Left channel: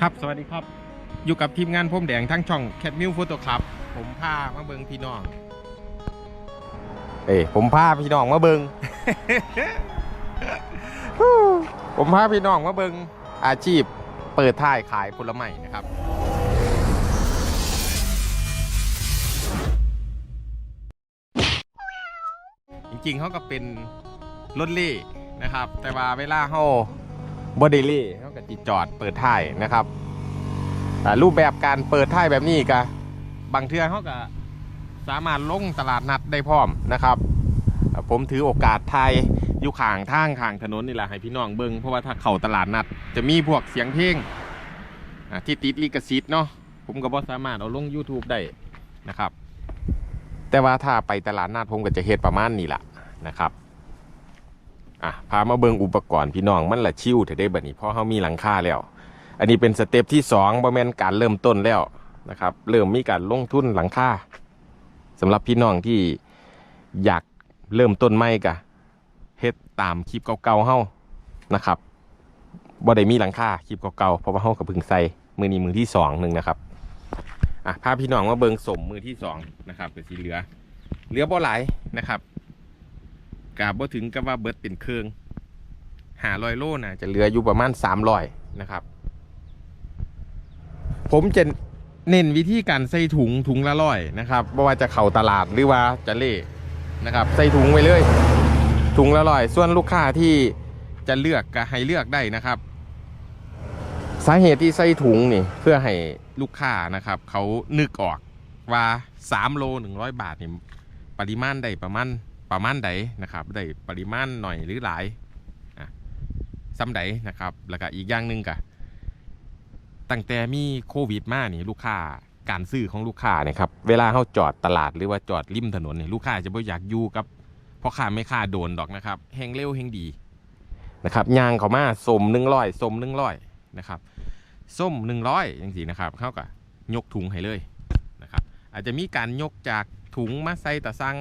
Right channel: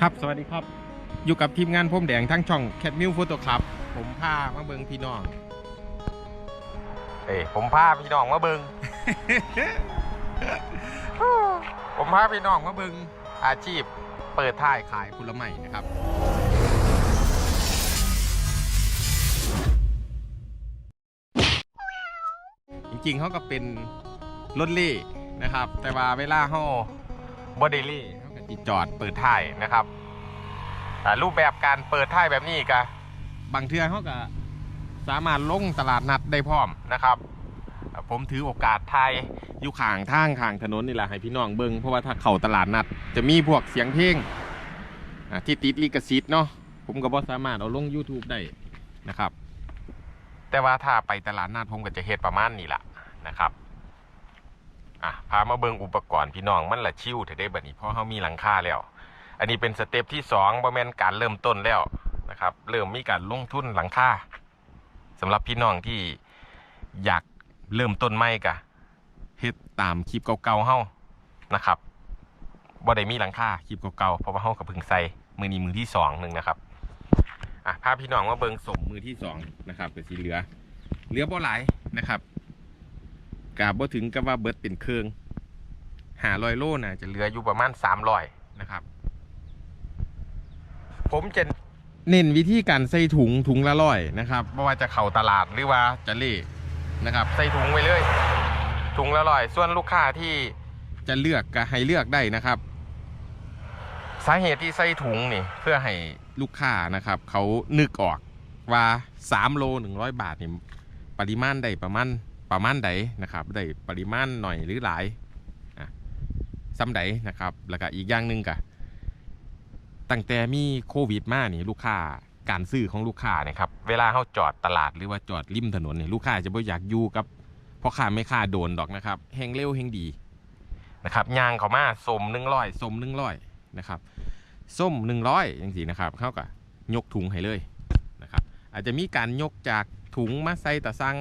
ครับ สวัสดีครับ อยู่กับทีมงานผมแดงทั้งช่องแคทมิวฟโต้คลับ ผมพามาเบิงพี่น้อง เอ้ยผมพาพี่น้องมาเบิง ผมพาพี่น้องมาเบิงอาชีพเปิดท่ายขายผลไม้นะครับจริงๆเขาก็เป็นรถเล่นะครับ แต่ว่าเวลาเขาบอดเล่ ปิดจอดเปิดท้ายนะครับอ่รูปแบบการเปิดท้ายแบบนี้ก็บางเทื่อเขาก็สามารถลงตลาดนัดได้พร้อมนะครับ ผมถือโอกาสไทยอยู่ข้างทางข้างถนนนี่แหละให้พี่น้องเบิงเพราะว่าถ้าเข้าตลาดนัด จะมีพวกเสียงเพลงที่ติดลิขสิทธิ์เนาะผมก็บ่สามารถเอาลง YouTube ได้นะครับ แต่ว่าถ้าไปตลาดนัดผมก็จะเฮ็ดประมาณนี้แหละนะครับ อะพามาเบิงอุปกรณ์พี่น้องมันละชิวเถอะได้บัดนี้เพราะเขามีหลังคาแล้ว อันนี้เป็นสเต็ปที่สองบ่แม่นการเริ่มต้นแล้วนะครับ เริ่มมีการลงทุนหลังคาสำหรับพี่น้องที่อยากเริ่มต้นใหม่กะเฮ็ดตามคลิปเก่าๆเฮานะครับบ่ได้มีหลังคาคลิปเก่าๆเพราะว่าเฮากับพึ่งใส่มือนี้มือที่สองหนึ่งนะครับอะพาพี่น้องมาเบิงสมมือที่สองนะครับเก็สิเหลือ เหลือบ่หลายนะครับ กาบ่ถึงกับว่าเบิดเป็นเครื่องหาลอยโลนะจะเหลืออยู่ประมาณสามรอยนะครับ ผมจะเน้นวิธีการใส่ถุงถุงละร้อยนะครับไม่ว่าจะเข้าตลาดหรือว่าจะเล่นะครับ ใส่ถุงไว้เลย ถุงละร้อยส่วนลูกค้าที่จะเลือกก็ให้เลือกได้นะครับ สาเหตุที่ใส่ถุงนี่เพื่อให้ลูกค้านะครับ เขานึกออกว่า3โล100บาทนี่ปริมาณใดประมาณ ประมาณใดนะครับได้ปริมาณหน่อยหรือหลายซ้ำใดนะครับแล้วก็อีกอย่างหนึ่งก็ตั้งแต่มีโควิดมานี่ลูกค้าการซื้อของลูกค้าเนี่ยครับเวลาเขาจอดตลาดหรือว่าจอดริมถนนเนี่ยลูกค้าจะไม่อยากอยู่กับพ่อค้าไม่ค้าโดนดอกนะครับแหงเร็วแหงดีนะครับยางเขามาสมหนึ่งร้อยสมหนึ่งร้อยนะครับส้มหนึ่งร้อยอย่างสีนะครับเขาก็ยกถุงให้เลยนะครับอาจจะมีการยกจากถุงมาใส่ตะซัง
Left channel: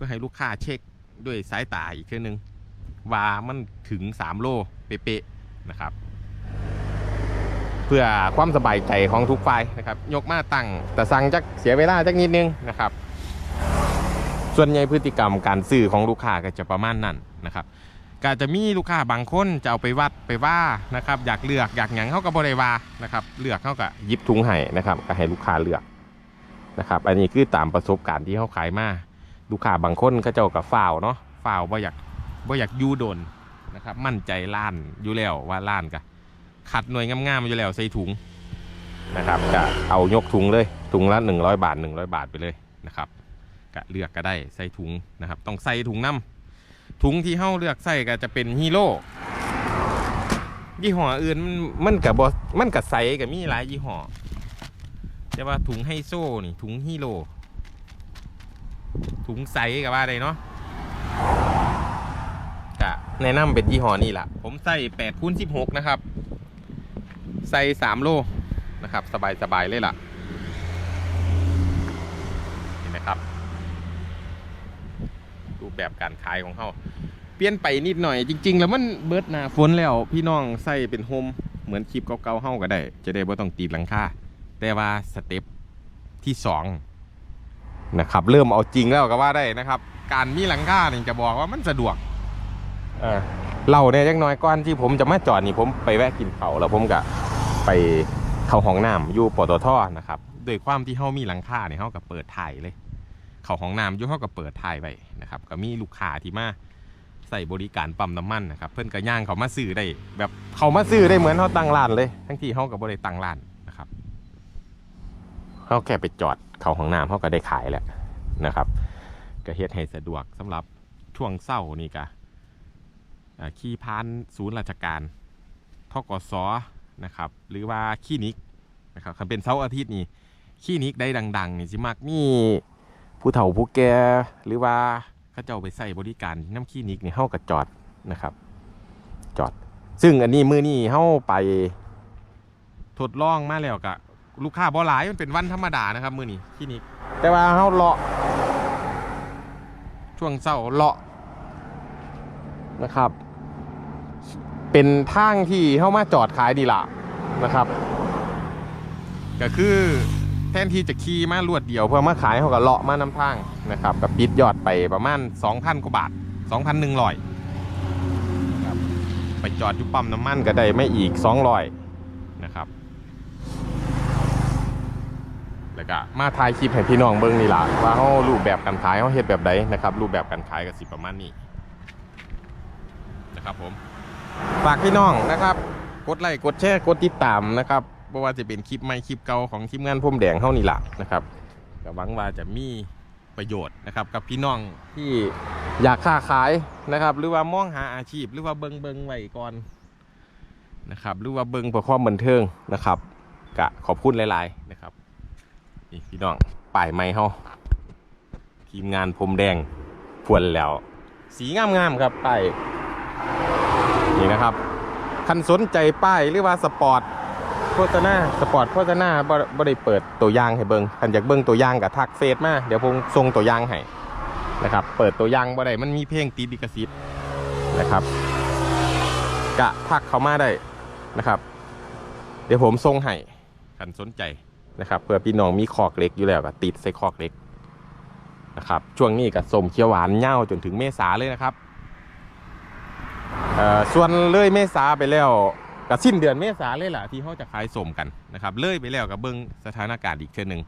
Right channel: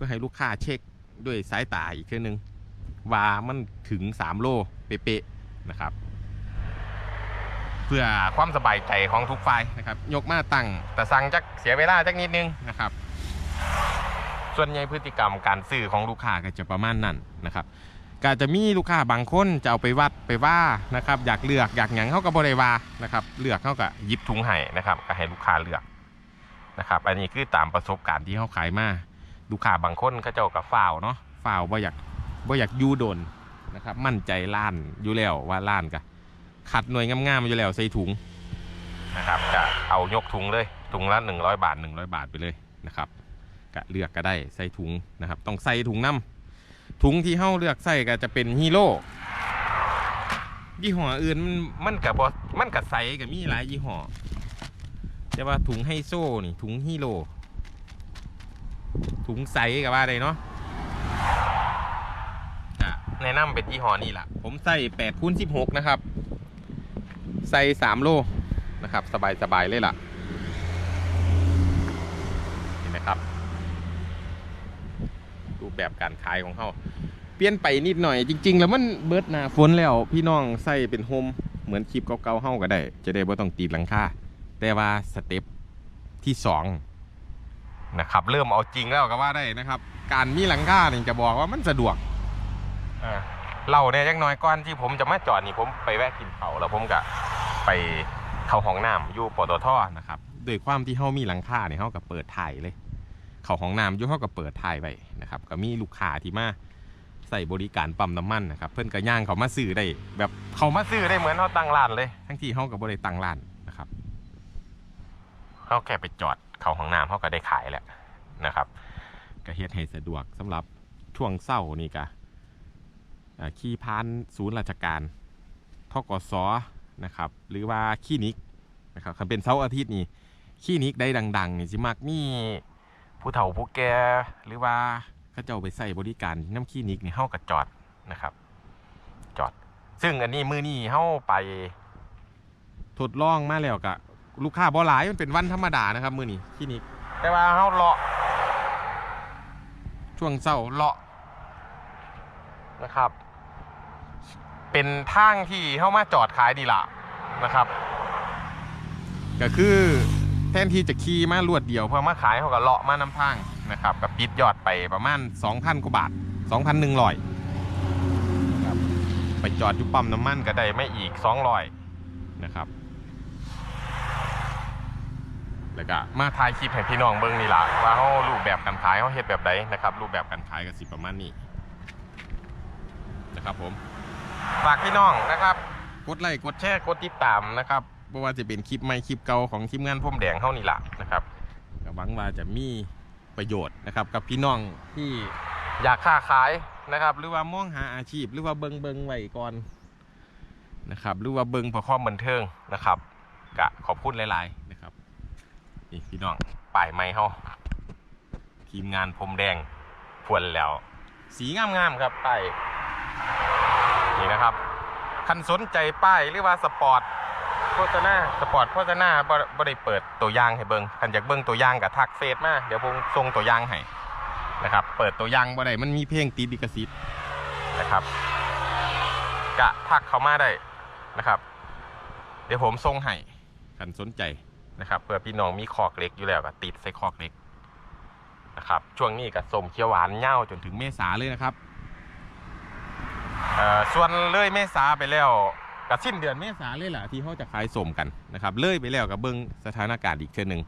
พื่อให้ลูกค้าเช็คด้วยสายตาอีกเทื่อนึง ว่ามันถึง 3 โลเป๊ะๆนะครับ เพื่อความสบายใจของทุกฝ่ายนะครับ ยกมาตั้งแตะซังจักเสียเวลาจักนิดนึงนะครับ ส่วนใหญ่พฤติกรรมการซื้อของลูกค้าก็จะประมาณนั้นนะครับก็จะมีลูกค้าบางคนจะเอาไปวัดไปว่านะครับอยากเลือกอยากหยังเขาก็บริวานะครับเลือกเขาก็หยิบถุงให้นะครับก็ให้ลูกค้าเลือกนะครับ อันนี้คือตามประสบการณ์ที่เขาขายมา ลูกค้าบางคนก็เจ้ากับฝ่าวเนาะฝ่าวว่าอยากว่าอยากยูโดนนะครับ มั่นใจล้านอยู่แล้วว่าล้านกะขัดหน่วยงามๆอยู่แล้วใส่ถุงนะครับก็เอายกถุงเลยถุงละ 100 บาท 100 บาทไปเลยนะครับก็เลือกก็ได้ใส่ถุงนะครับ ต้องใส่ถุงน้ำถุงที่เฮาเลือกใส่ก็จะเป็นฮีโร่ยี่ห้ออื่นมันมันกับบมันกับใส่กับมีหลายยี่ห้อแต่ว่าถุงไฮโซนี่ถุงฮีโร่ ถุงใสกับว่าใดเนาะจะแนะนำเป็นยี่ห้อนี่แหละผมใส่8คูณ16นะครับ ใส่3โลนะครับ สบายสบายเลยล่ะเห็นไหมครับรูปแบบการขายของเขาเปลี่ยนไปนิดหน่อยจริง ๆ แล้วมันเบิดหนาฝนแล้ว พี่น้องใส่เป็นโฮมเหมือนคลิปเก่าๆเฮาก็ได้ จะได้บ่ต้องตีหลังคาแต่ว่าสเต็ปที่สอง นะครับเริ่มเอาจริงแล้วก็ว่าได้นะครับ การมีหลังคาเนี่ยจะบอกว่ามันสะดวกเออเราเนี่ยจังน้อยก่อนที่ผมจะมาจอดนี่ผมไปแวะกินเขาวแล้วผมก็ไปเข้าห้องน้ำอยู่ปตทนะครับโดยความที่เขามีหลังคาเนี่ยเขาก็เปิดถ่ายเลย เข้าห้องน้ำอยู่เขาก็เปิดถ่ายไว้นะครับ ก็มีลูกค้าที่มาใส่บริการปั๊มน้ำมันนะครับ เพื่อนก็ย่างเขามาซื้อได้ แบบเขามาซื้อได้เหมือนเขาตั้งร้านเลย ทั้งที่เขากับบริตั้งร้านนะครับเขาแค่ไปจอด เขาห้องน้ำเขาก็ได้ขายแหล้วนะครับ ก็เฮ็ดให้สะดวกสำหรับช่วงเศร้านี่ก็ขี่พานศูนย์ราชการทกสนะครับหรือว่าคลินิกนะครับคันเป็นเสาร์อาทิตย์นี่คลินิกได้ดังๆนี่สิมักมีผู้เฒ่าผู้แก่หรือว่าเขาเจ้าไปใส่บริการน้ำคลินิกนี่เฮาก็จอดนะครับ จอด ซึ่งอันนี้มือนี่เฮาไปทดลองมาแล้วก็ ลูกค้าบ่หลายมันเป็นวันธรรมดานะครับมือนี้ที่นี่แต่ว่าเฮาเลาะ ช่วงเช้าเลาะนะครับ เป็นทางที่เฮามาจอดขายดีละนะครับ ก็คือแทนที่จะขี่มารวดเดียวเพื่อมาขายเขาก็เลาะมาน้ำทางนะครับกับปิดยอดไปประมาณ 2,000กว่าบาท 2,100นะครับไปจอดอยู่ปั๊มน้ำมันก็ได้ไม่อีก 200นะครับ แล้วก็มาถ่ายคลิปให้พี่น้องเบิ่งนี่ล่ะว่าเขารูปแบบการขายเขาเฮ็ดแบบใดนะครับ รูปแบบการขายก็สิประมาณนี้นะครับผมฝากพี่น้องนะครับ กดไลค์กดแชร์กดติดตามนะครับเพราะว่าจะเป็นคลิปใหม่คลิปเก่าของทีมงานพุ่มแดงเท่านี้ล่ะนะครับก็หวังว่าจะมีประโยชน์นะครับ กับพี่น้องที่อยากค้าขายนะครับ หรือว่ามองหาอาชีพ หรือว่าเบิงเบิงไว้ก่อนนะครับ หรือว่าเบิงเพื่อความบันเทิงนะครับกะขอบคุณหลาย ๆ นะครับ นี่พี่น้องป้ายไม้เฮาทีมงานพรมแดงพวนแล้ว สีงามๆครับป้ายนี่นะครับคันสนใจป้ายหรือว่าสปอร์ตโฆษณาสปอร์ตโฆษณาบ่บ่ได้เปิดตัวย่างให้เบิงคันอยากเบิงตัวย่างกับทักเฟซมาเดี๋ยวผมส่งตัวย่างให้นะครับ เปิดตัวย่างบ่ได้มันมีเพลงติดลิขสิทธิ์นะครับ กะทักเขามาได้นะครับ เดี๋ยวผมส่งให้คันสนใจ นะครับเพื่อพี่น้องมีคอกเล็กอยู่แล้วก็ติดใส่คอกเล็กนะครับช่วงนี้กับสมเขียวหวานเน่าจนถึงเมษาเลยนะครับส่วนเลยเมษาไปแล้วกับสิ้นเดือนเมษาเลยล่ะที่เขาจะขายสมกันนะครับเลยไปแล้วกับเบิ้งสถานการณ์อีกเช่นหนึ่ง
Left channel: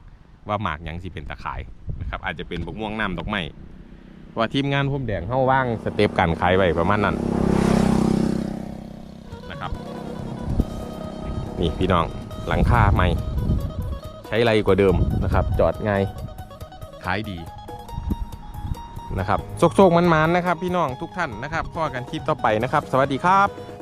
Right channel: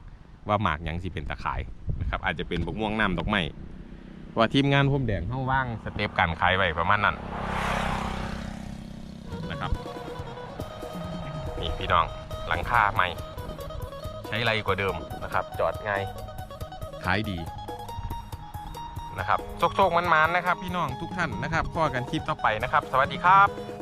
ว่าหมากยังสิเป็นตะขายนะครับอาจจะเป็นบกม่วงน้ำดอกไม้ว่าทีมงานพุ่มแดงเข้าว่างสเต็ปการขายไว้ประมาณนั้นนะครับ นี่พี่น้องหลังคาใหม่ ช้ไรกว่าเดิมนะครับ จอดง่ายขายดีนะครับโชคๆมันๆนะครับ พี่น้องทุกท่านนะครับพอกันคลิปต่อไปนะครับ สวัสดีครับ